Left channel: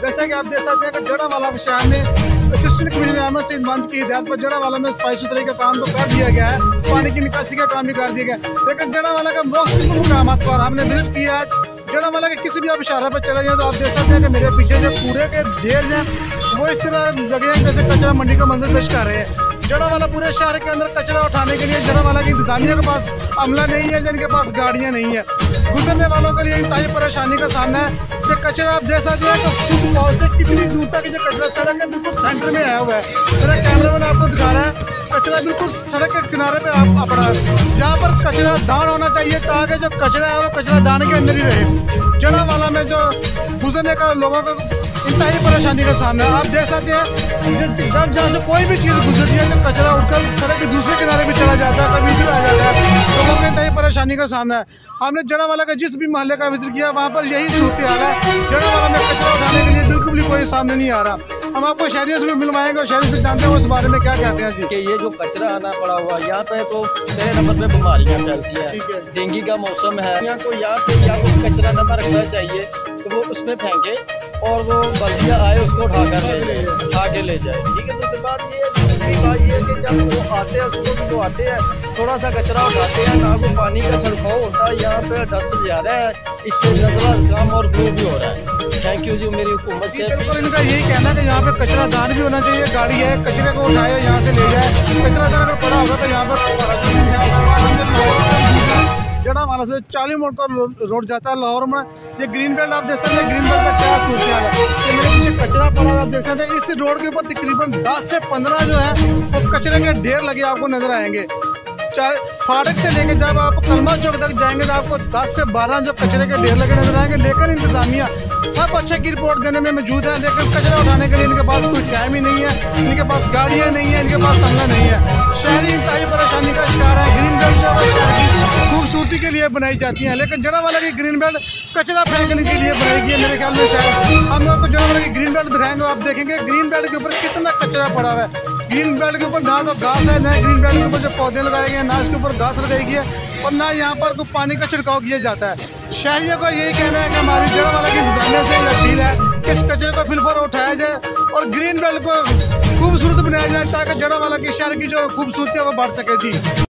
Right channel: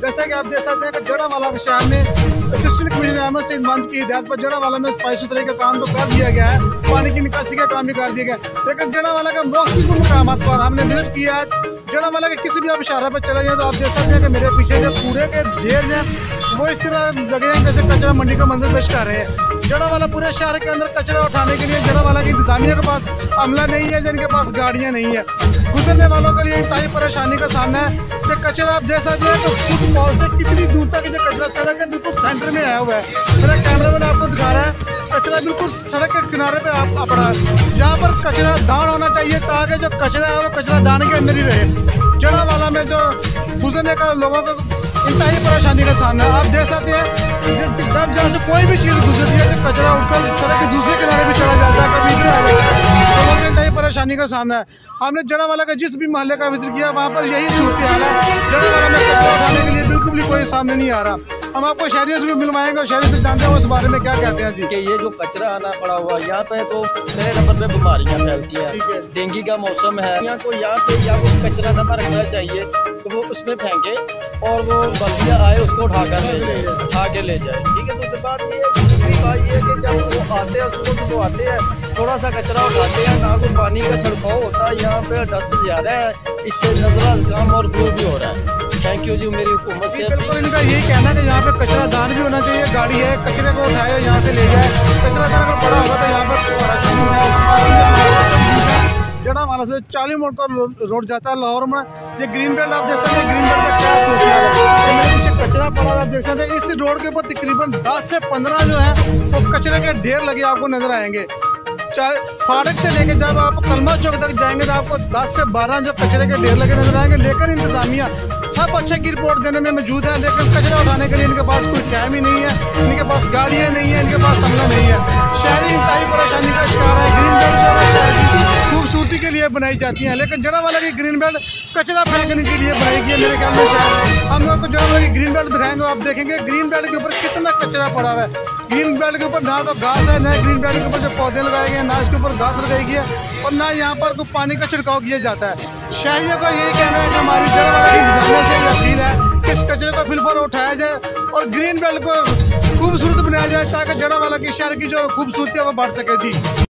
जैसा कि आप देख सकते हैं कि जड़ावाला के शहर में असिस्टेंट कमिश्नर अहमद सईद मंच की हिदायत पर जड़ावाला में सफाई सुथराई का काम तो कर दिया गया है, पानी की निकासी का काम भी कर दिया गया, लेकिन जड़ावाला का मुख्तलिफ मुकामात पर हमने विजिट किया है। जड़ावाला के किसी भी आप इशारा पर चले जाए तो आप देख सकते हैं कि मेरे पीछे जो कूड़े के ढेर हैं वो इस तरह लगे हैं जैसे कचरा मंडी का मंजर पेश कर रहे हैं। जड़ावाला पूरे शहर के अंदर कचरा उठाने के लिए जड़ावाला की इंतजामिया के पास अमला नहीं है, जिनके पास गाड़ियाँ नहीं है। गुजरने वालों के लिए इंतहाई परेशानी का सामना है। जो कचरा आप देख सकते हैं तो फुटबॉल से कितनी दूर तक जो कचरा सड़क के बिल्कुल सेंटर में आया हुआ है। मेरा कैमरामैन आपको दिखा रहा है, कचरा बिल्कुल सड़क के किनारे पे पड़ा है। यहाँ पर कचरा दान होना चाहिए ताकि जो कचरा है वो कचरा दान के अंदर ही रहे। जड़ावाला में जो गुजरने का लोगों को इंतहाई परेशानी का सामना है। आप देख सकते हैं जब जहाँ से कोई भी चीज़ गुजरती है तो कचरा उठकर सड़क के दूसरे किनारे भी चला जाता है, कभी इधर आ जाता है। लोगों को इंतहाई परेशानी का सामना है। हमने जड़ावाला का जिस भी मोहल्ले का विजिट किया वहाँ पर यही सूरत हाल है। जड़ावाला में कचरा उठाने के लिए बिल्कुल भी कोई सामने नहीं आ रहा। हम आपको शहरियों से भी मिलवाएंगे और शहरी से जानते हैं उस बारे में क्या कहते हैं जी। कि ये जो कचरा आना पड़ा हुआ यहाँ पे तो पहले नंबर पे बीमारियाँ फैलती हैं। डेंगू का मौसम है यहाँ तो यहाँ पे या वो कचरा दबा रखना चाहिए तो वो उसमें फेंके और वो बल्दिया आए उसको उठा के ले जाए। ठीक है, दूसरी बात ये है, दूसरी बात ये है कि जब वो आते हैं सुबह वो आते हैं थोड़ा सा कचरा उठाते हैं, ना कोई पानी का छिड़काव होता है, यहाँ पे डस्ट ज़्यादा है, इससे नजरा काम और फ्लू भी हो रहा है। थैंक यू जी मेरी हुकूमत से। बिल्कुल इनका यही कहना है कि यहाँ पे कचरा दान भी होना चाहिए। गाड़ी है, कचरे को उठाए यहाँ से ले जाए। कचरा दान अगर पड़ा होगा तो यहाँ पर जड़ावाला से 40 मोड़ का रोड जाता है लाहौर में। ये ग्रीन बेल्ट आप देख सकते हैं, ग्रीन बेल्ट का क्या सूरत हाल है। ये मेरे पीछे कचरा पड़ा आप देख सकते हैं। इस रोड के ऊपर तकरीबन 10 से 15 जो है वो कचरे के ढेर लगे आपको नजर आएंगे। फाटक से लेके जब आप कलमा चौक तक जाएंगे तो आपको 10 से 12 जो कचरे के ढेर लगे नजर आएंगे। लेकिन इंतजामिया सब अच्छे की रिपोर्ट देने में मौजूद है, लेकिन कचरा उठाने के लिए इनके पास कोई टाइम ही नहीं है, इनके पास गाड़ियाँ नहीं है, इनके पास समला नहीं है। शहरी इंतहाई परेशानी का शिकार है। ग्रीन बेल्ट जो है शहर की खूबसूरती के लिए बनाई जाती है, लेकिन जड़ावाला की ग्रीन बेल्ट कचरा फेंकने के लिए बनाई गई है। मेरे ख्याल में शायद हम आपको जड़ावाला की ग्रीन बेल्ट दिखाएंगे, आप देखेंगे ग्रीन बेल्ट के ऊपर कितना कचरा पड़ा हुआ है। ग्रीन बेल्ट के ऊपर ना तो घास है, ना ग्रीन बेल्ट के ऊपर जो पौधे लगाए गए हैं, ना इसके ऊपर घास लगाई गई है, और ना यहाँ पर कोई पानी का छिड़काव किया जाता है। शहरियों का यही कहना है कि हमारी जड़ावाला की इंतजामिया से यह अपील है कि इस कचरे को फिल पर उठाया जाए और ग्रीन बेल्ट को खूबसूरत बनाया जाए ताकि जड़ावाला की शहर की जो खूबसूरती है वो बढ़ सके जी।